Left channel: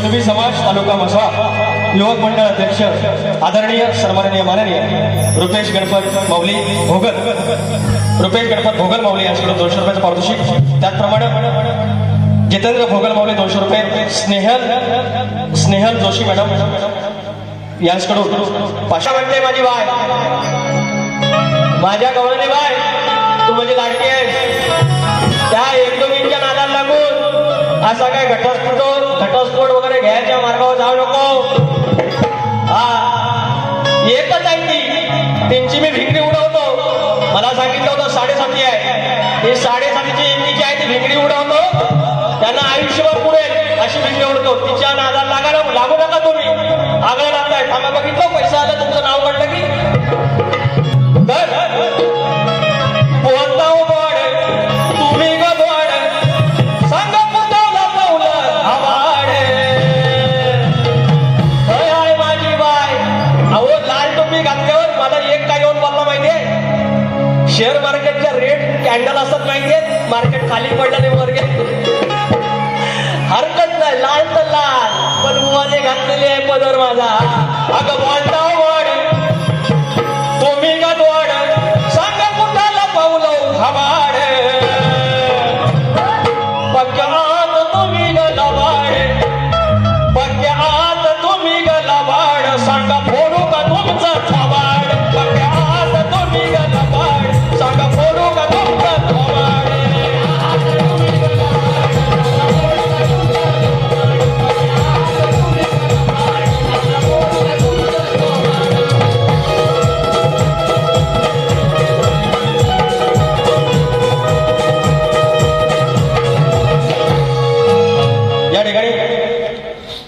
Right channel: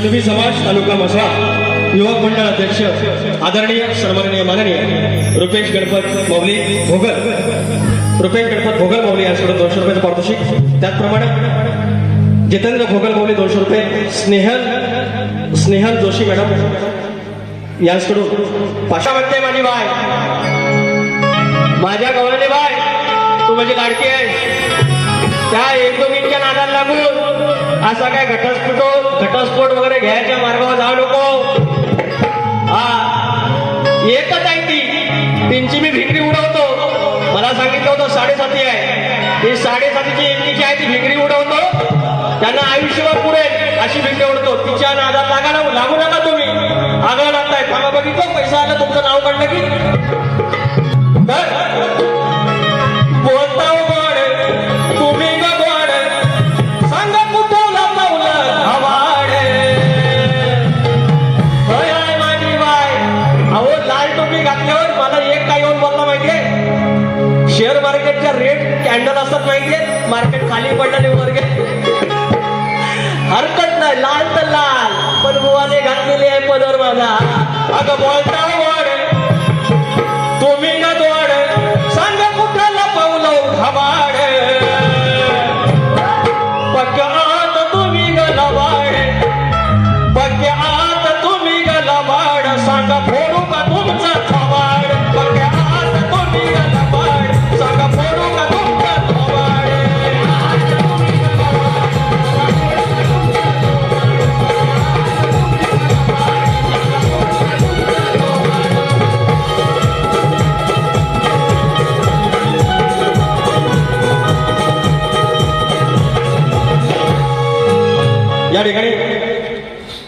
ठिकाणी कुणबी समाज तालुका मसा युवक मंडळ अध्यक्ष आदरणीय सन्माननीय माननीय रुपेश गणपत मौली भोगल रुपेश गणपत भोगल मौली यांच्याकडून दोनशे रुपयाचं पारितोषिक. त्याचप्रमाणे जितेंद्र भोगल मौली दोनशे रुपये स्नेहल स्नेहल जोशी मॅडम यांच्याकडून. पाचशे म्हणते माझी बाय. माझ्या गवळणी बाय तू माझी लाडकी आहे. त्या एकमेकींच्या नादाला लागून असा काय घटस्फोट घटस्फोट वगैरे घ्यायच्या मार्गावर जाऊ नको. हा एकच आहे ती. त्यांची मी भिकरी उडवतो. मला सांगितलं होतं साडेसाती आहे. ती साडेसातीची इंडीची आहे ती भिकरी उडवतो. त्यांना आयुष्यभर पुरेल अशी भिकरी उडतो तिच्या नादाला लागायला लागू नका तुम्ही.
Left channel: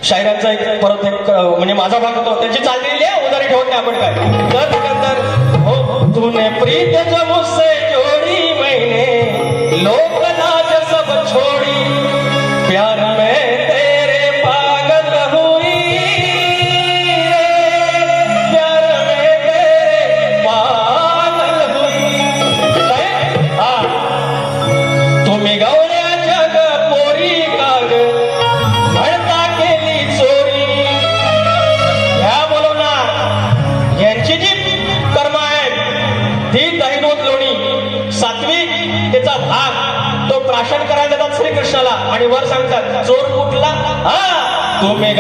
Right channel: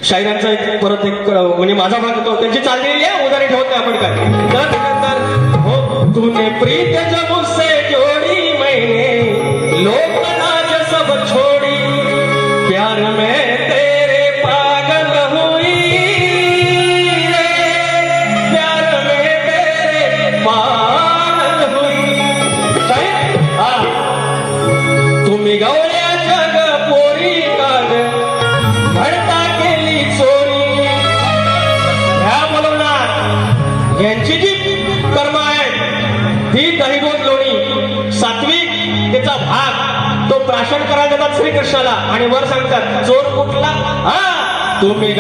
शायरांचा एक परत एक म्हणजे माझा भाग होतो. त्याची चाललेली आहे उदारी ठेवत नाही आपण काय? हो प्रीत हा तुम्ही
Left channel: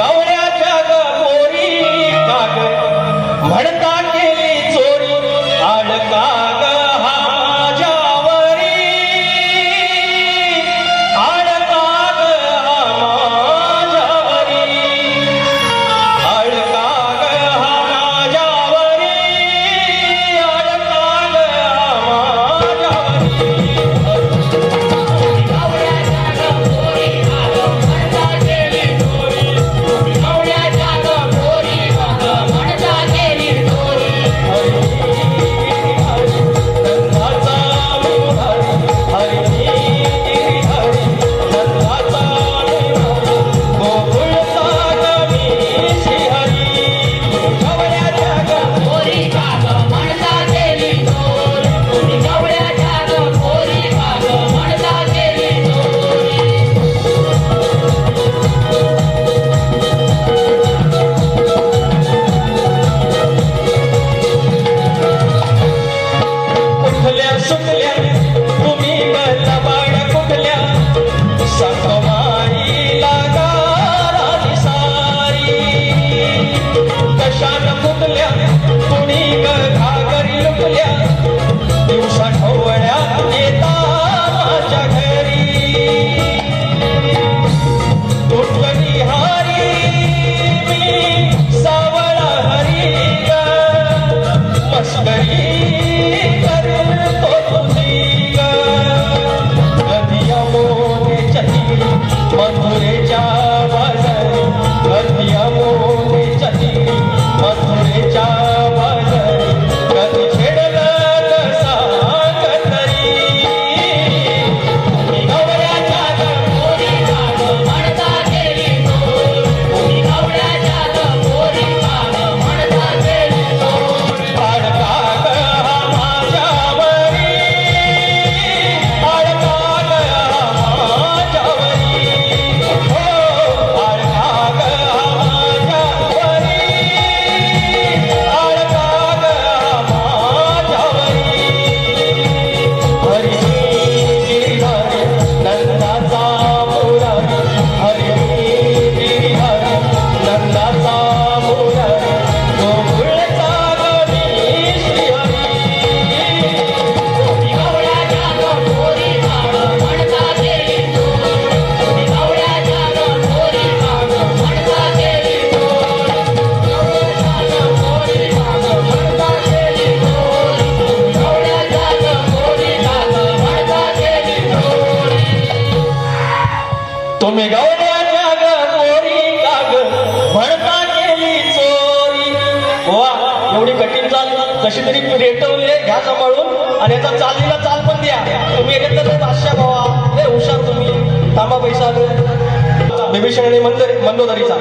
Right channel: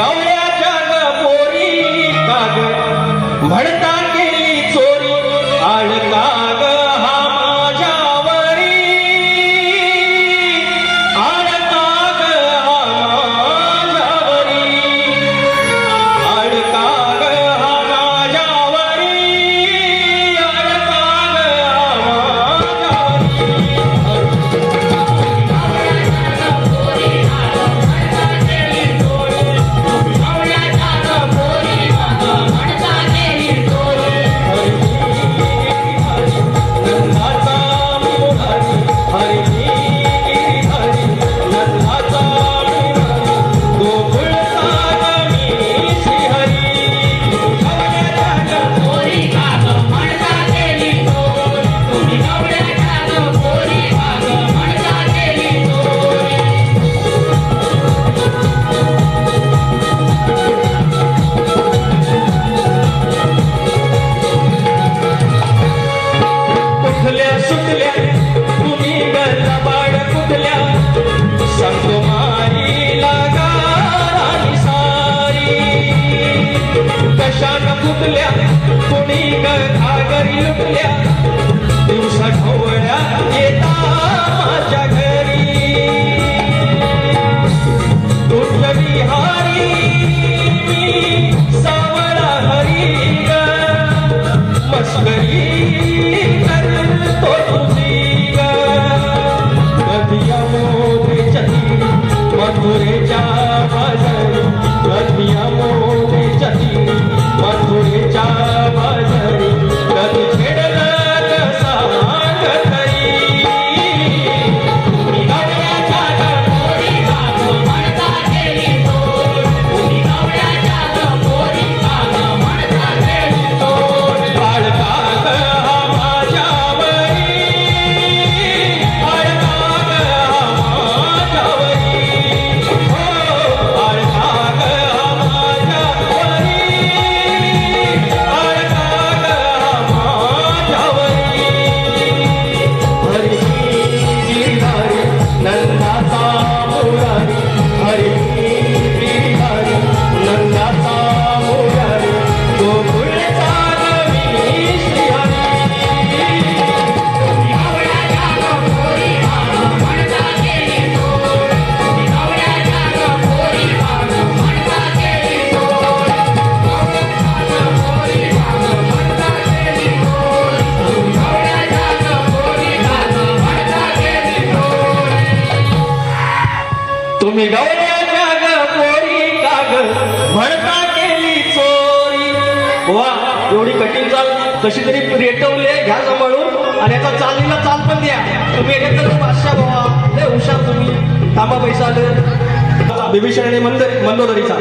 बिभीषण आणि मंदोदरीचा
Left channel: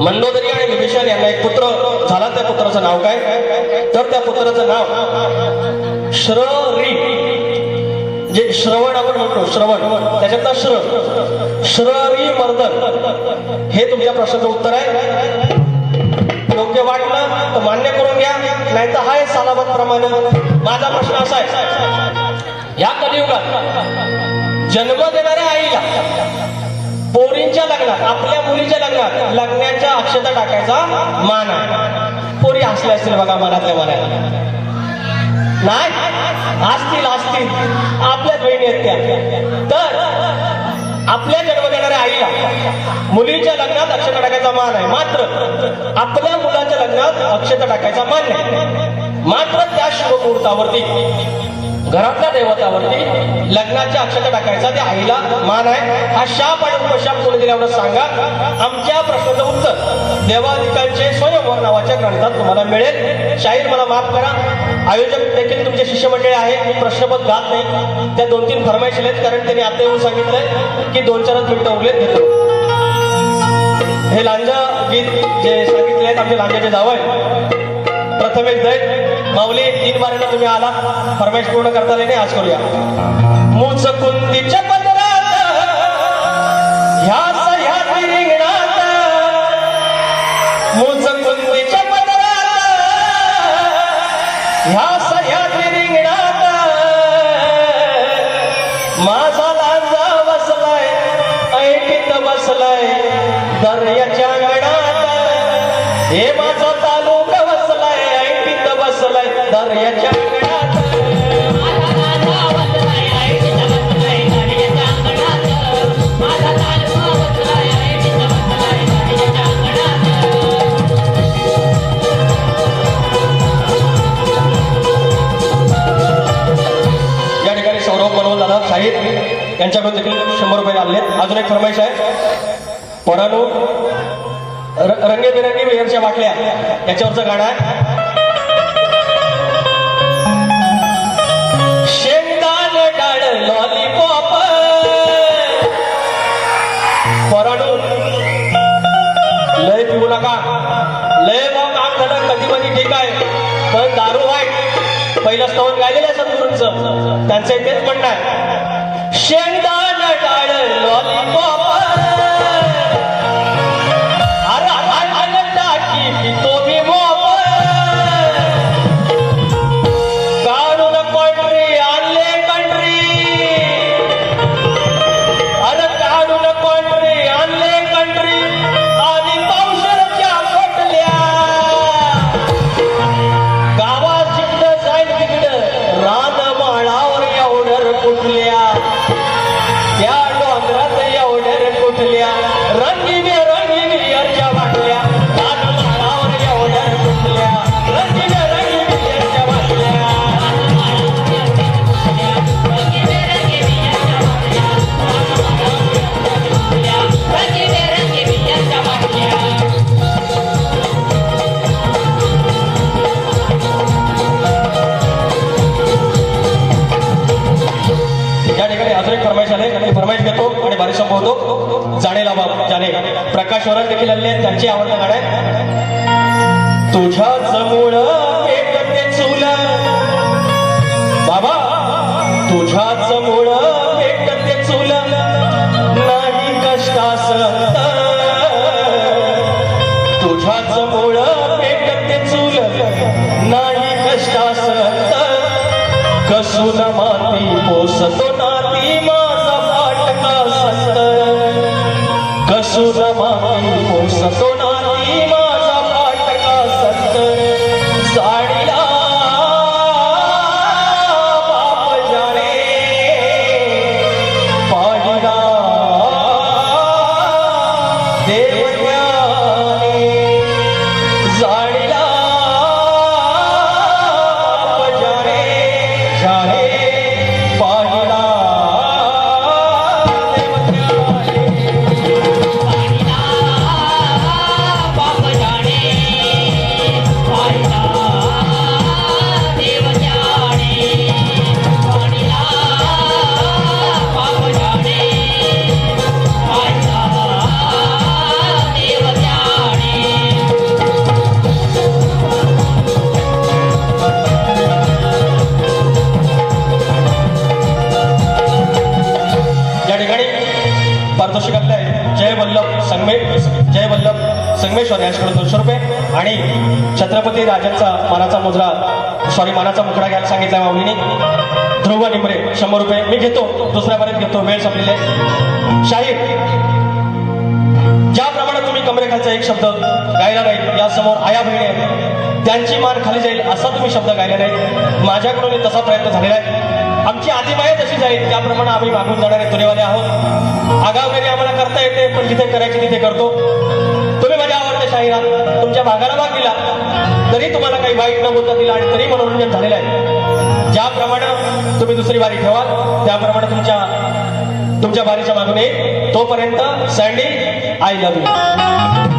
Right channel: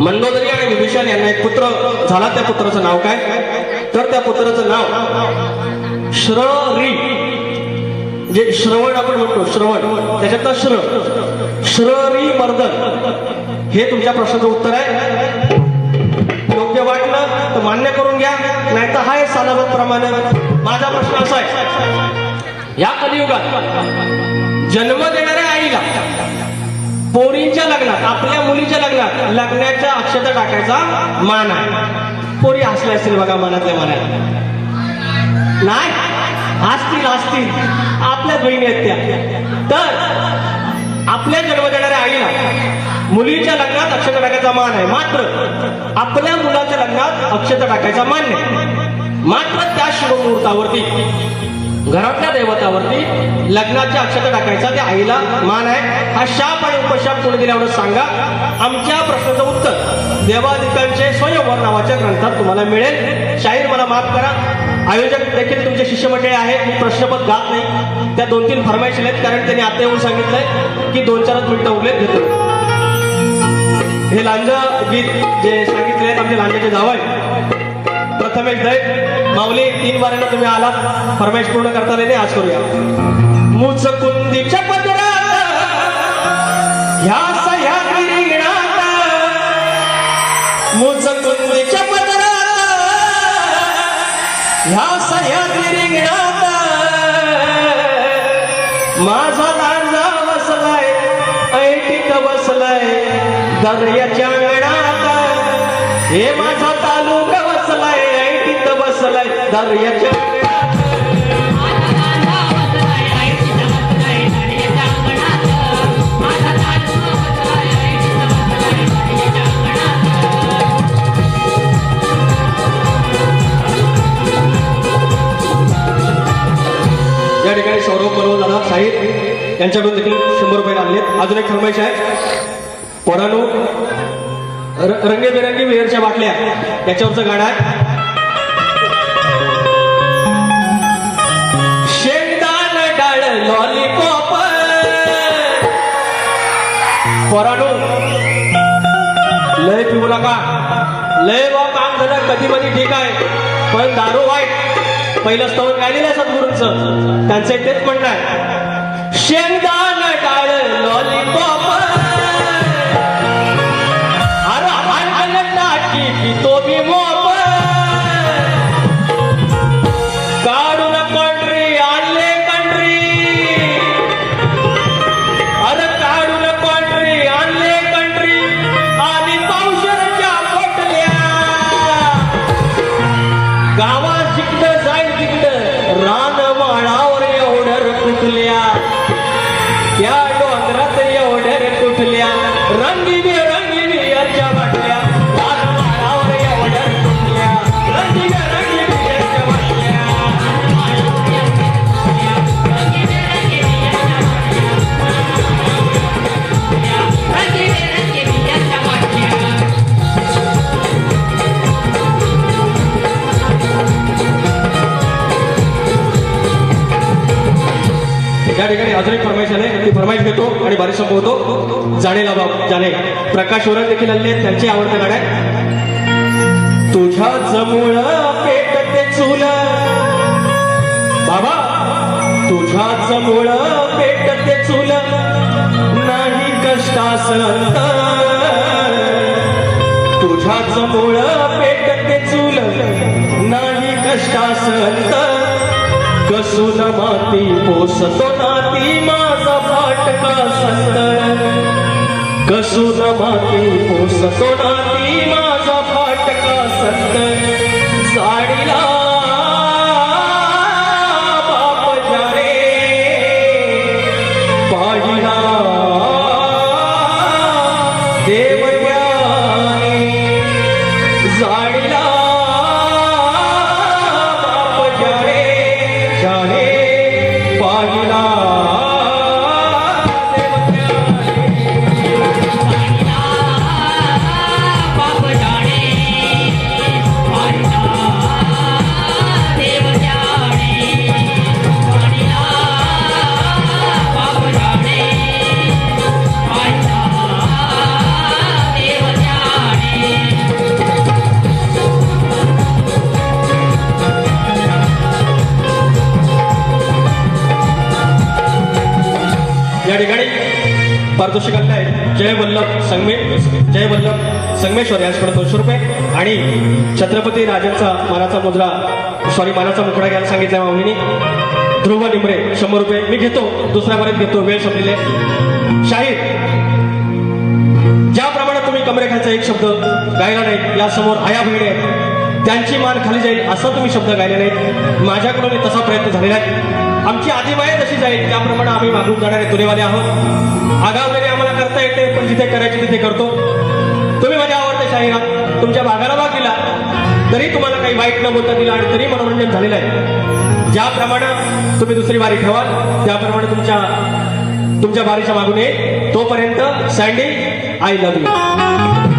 मंदोदरी आणि बिभीषण यांना एक पुत्र झाला. त्या पुत्राचं नाव काय? तर त्या पुत्राचं नाव श्री जे श्रवण आपण म्हणतो श्रवण. त्याच्यातला श्र. श्री मर्दन. हे तुमच्या प्रश्नाचं उत्तर आहे. योग्य वाटलं तर मान्य करून घ्या. नाही तर हाय सालाबत प्रमाणे. माझा प्रश्न असा आहे. या कलियुगात जन्म देणाऱ्या आईला लग्नात आपल्या मुलीच्या लग्नात लग्नाच्या अक्षता टाकायचा मान आहे. पोरी हसले असतील बघा मनातल्या मनात नाही असतील हसतील. आपल्या बहिणी आहेत त्या. तर आपल्या जन्म देणाऱ्या आईला मुलीच्या लग्नात अक्षता टाकायचा मान आहे. मात्र आपल्या मुलाच्या लग्नात अक्षता टाकायचा मान नाही. मात्र त्या शुभमुहूर्तावरती घरातल्या दैवतावरती लग्नाच्या अक्षता टाकायचा. ते आईला मान आहे हा शाप आणि उपशाप पुढे दिल्यावर सांगा. आमच्या प्रश्नाचं उत्तर देवाधिकांचे स्वयंवर नावाच्या ग्रंथात तुम्हाला मिळेल. शाहीर मला माफ करा. आयोजक देखील तुमचे शिष्यमंडळी आहे मी प्रश्नपद गात नाही. त्या दोन तीन फरमाईशी आहेत. कारण त्यांनी आता येऊन सांगितलंय की दोन चारच मिनिटं उरलेत घेतो. हे लांजा गीत जे सांगितले आहेत आमचे लांजाचे जावं आहे. माऊली तीन वाऱ्याला तुम्ही आला. फरमाईश पूर्ण करता आले नाही आज करूया. मुच कुंदीच्या पदरात ह्या सह्याद्री रिंगणात. मुच कुंदीच्या पदरात ह्या सह्याद्री रिंगणात. माझा लांजा बसलाय ऐटीत बसलाय दर्याच्या गणात हे दर्याच्या या ठिकाणी सौरव बरोबर दादा साहिब यांच्याकडून देखील शंभर रुपये आणले अजून एक फरमाईश आहे. पोरानो रंगेबेरंगी रंगीबेरंगी बाटल्या याच्यावरचं गाणं आहे. लॉलीपॉप पोरानो लय पिऊ नका. लय बा काम झालं. कधी कधी ठीक आहे. पण दारू वाईट. पहिलं स्तवर गायलेलं आहे सद्गुरूंचं. त्यांचं तेच म्हणणं आहे. शेंगदाण लॉलीपॉप त्या डोंगरात एवढ्या कुठल्या रण फरमाईश आहे ती फरमाईश घेतो आणि बारीक संपवतो. जाणेला बाब जाणे प्रकाश वरण देखील आले त्यांची आवडतं गाड आहे. तुझ्या जमुळ पेटते चूल. बाबा तुझ्या जमुळ पेटते चूल. नाही कष्टास तुझ्याच मुळ पेटते चूल. नाही कष्टास कसून माती पोसतो नाती मा. कसून माती पोसतो नाती आणि छत्रपती राजांचा मानाचा मुजरा सॉरी मानाचा मुकडा घ्यायला सांगितल्या माऊलीने. ध्रुव निमरे शंभर रुपये. मी घेतो. दुसऱ्या पर्यंत घेतो. वेळ संपलेले शाहीर ज्याप्रमाणे तुम्ही कमरेखाचा एक शब्द गायला नाही यासमोर आया बहिणी आहेत. त्यांची मान खाली जाईल असा तुम्ही शब्द गायले नाही माझ्याकडून तसा प्रयत्न झालेला आहे. आमची आदिमाय तशी जाईल त्याप्रमाणे आम्ही मागून जाणारे दुनियावाले आहोत. आगावगिरी आम्हाला करता येते पण जिथे करायची तिथे करतो. तुम्ही माझ्या आवडते शाहीर तुमच्या भागाला तुम्हाला काही दिला आणि तरी मनोरंजन झालेलं आहे. ज्याप्रमाणे तुम्ही दुसरी बारी ठेवाल त्याप्रमाणे तुमच्या तुमच्या बारीच्या मागून येईल तोपर्यंत सँडी आय लव्ह यू